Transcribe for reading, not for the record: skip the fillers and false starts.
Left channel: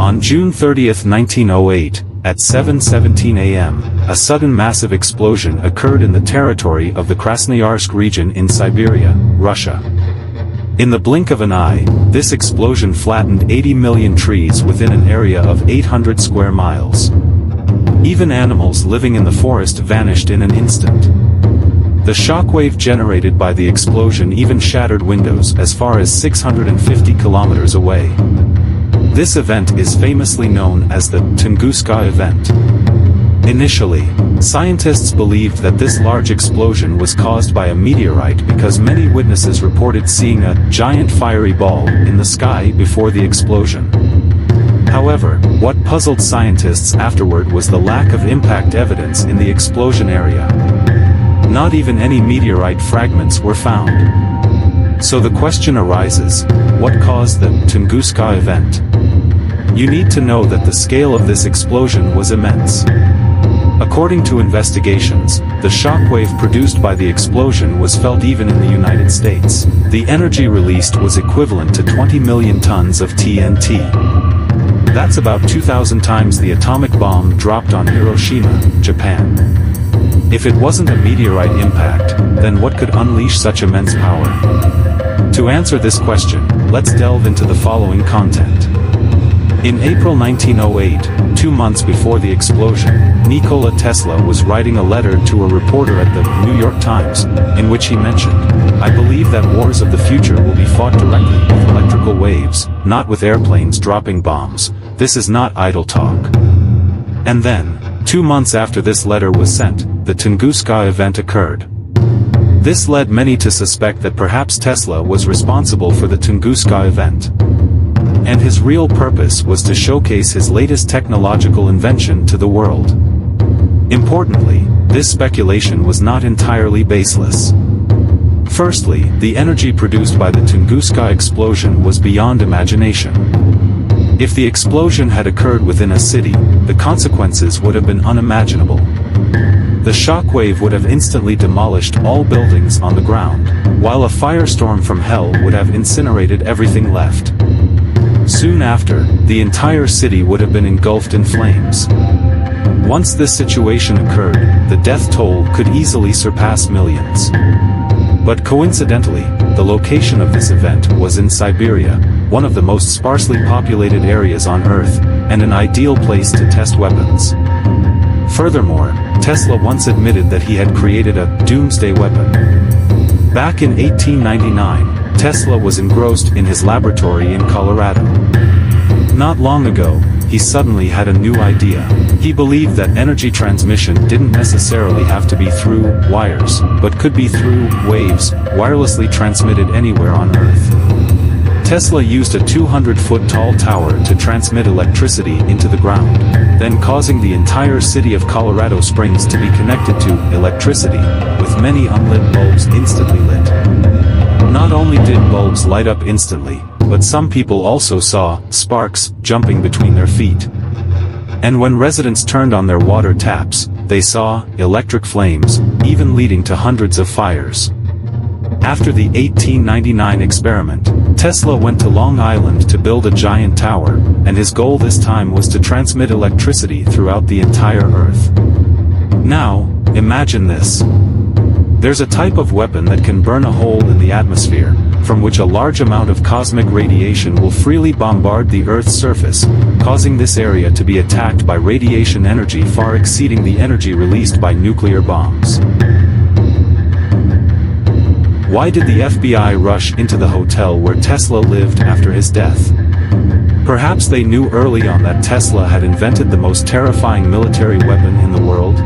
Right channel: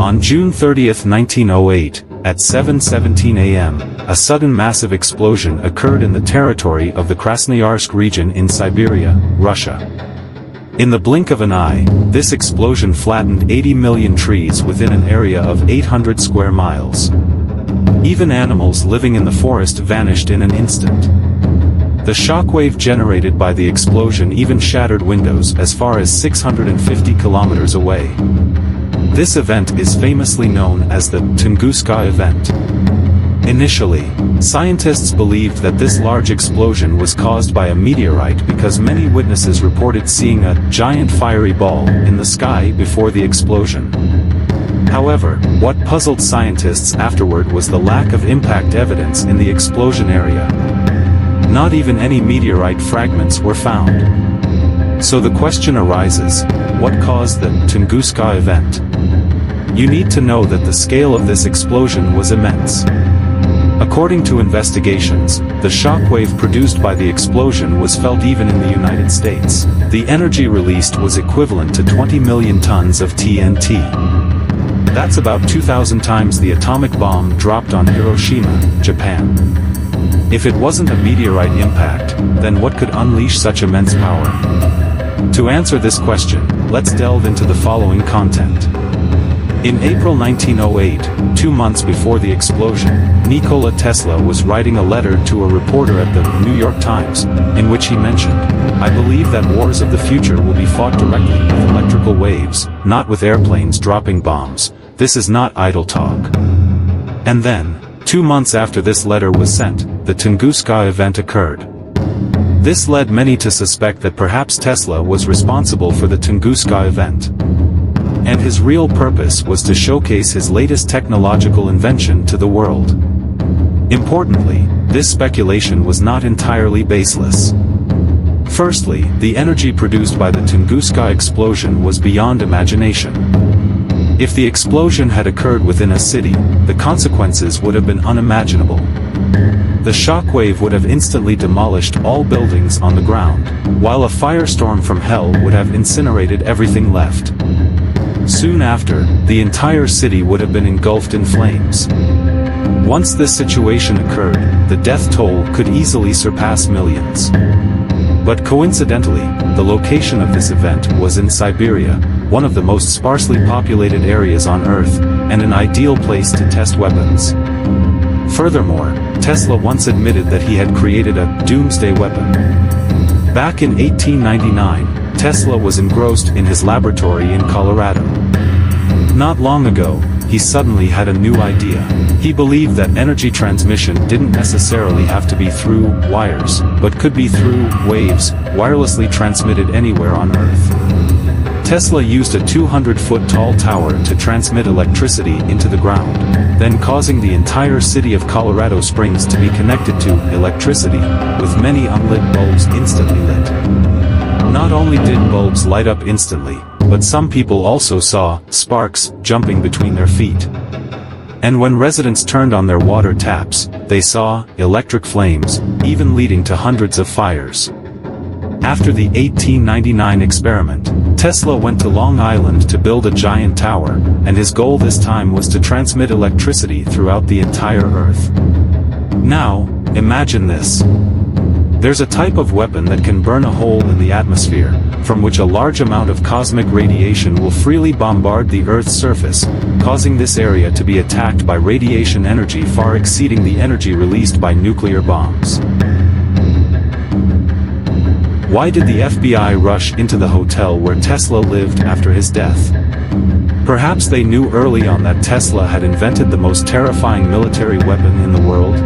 On June 30, 1908, at 7:17 a.m., a sudden massive explosion occurred in the territory of the Krasnoyarsk region in Siberia, Russia. In the blink of an eye, this explosion flattened 80 million trees within an area of 800 square miles. Even animals living in the forest vanished in an instant. The shockwave generated by the explosion even shattered windows as far as 650 kilometers away. This event is famously known as the Tunguska event. Initially, scientists believed that this large explosion was caused by a meteorite because many witnesses reported seeing a giant fiery ball in the sky before the explosion. However, what puzzled scientists afterward was the lack of impact evidence in the explosion area. Not even any meteorite fragments were found. So the question arises, what caused the Tunguska event? You need to know that the scale of this explosion was immense. According to investigations, the shockwave produced by the explosion was felt even in the United States. The energy released was equivalent to 20 million tons of TNT. That's about 2,000 times the atomic bomb dropped on Hiroshima, Japan. If it wasn't a meteorite impact, then what could unleash such immense power? To answer this question, let's delve into the following content. In April 1908, 2 months before the explosion, Nikola Tesla was writing a letter to a reporter at the New York Times, in which he mentioned, "I believe that wars of the future will be fought directly with electrical waves, not with airplanes dropping bombs. This is not idle talk." And then, 2 months after this letter was sent, the Tunguska event occurred. This led many to suspect that perhaps Tesla was responsible for the Tunguska event. And his real purpose was to showcase his latest technological invention to the world. Importantly, this speculation was not entirely baseless. Firstly, the energy produced by the Tunguska explosion was beyond imagination. If the explosion had occurred within a city, the consequences would have been unimaginable. The shockwave would have instantly demolished all buildings on the ground, while a firestorm from hell would have incinerated everything left. Soon after, the entire city would have been engulfed in flames. Once this situation occurred, the death toll could easily surpass millions. But coincidentally, the location of this event was in Siberia, one of the most sparsely populated areas on Earth, and an ideal place to test weapons. Furthermore, Tesla once admitted that he had created a doomsday weapon. Back in 1899, Tesla was engrossed in his laboratory in Colorado. Not long ago, he suddenly had a new idea. He believed that energy transmission didn't necessarily have to be through wires, but could be through waves, wirelessly transmitted anywhere on Earth. Tesla used a 200-foot tall tower to transmit electricity into the ground, then causing the entire city of Colorado Springs to be connected to electricity, with many unlit bulbs instantly lit. Not only did bulbs light up instantly, but some people also saw sparks jumping between their feet. And when residents turned on their water taps, they saw electric flames, even leading to hundreds of fires. After the 1899 experiment, Tesla went to Long Island to build a giant tower, and his goal this time was to transmit electricity throughout the entire Earth. Now, imagine this. There's a type of weapon that can burn a hole in the atmosphere, from which a large amount of cosmic radiation will freely bombard the Earth's surface, causing this area to be attacked by radiation energy far exceeding the energy released by nuclear bombs. Why did the FBI rush into the hotel where Tesla lived after his death? Perhaps they knew early on that Tesla had invented the most terrifying military weapon in the world?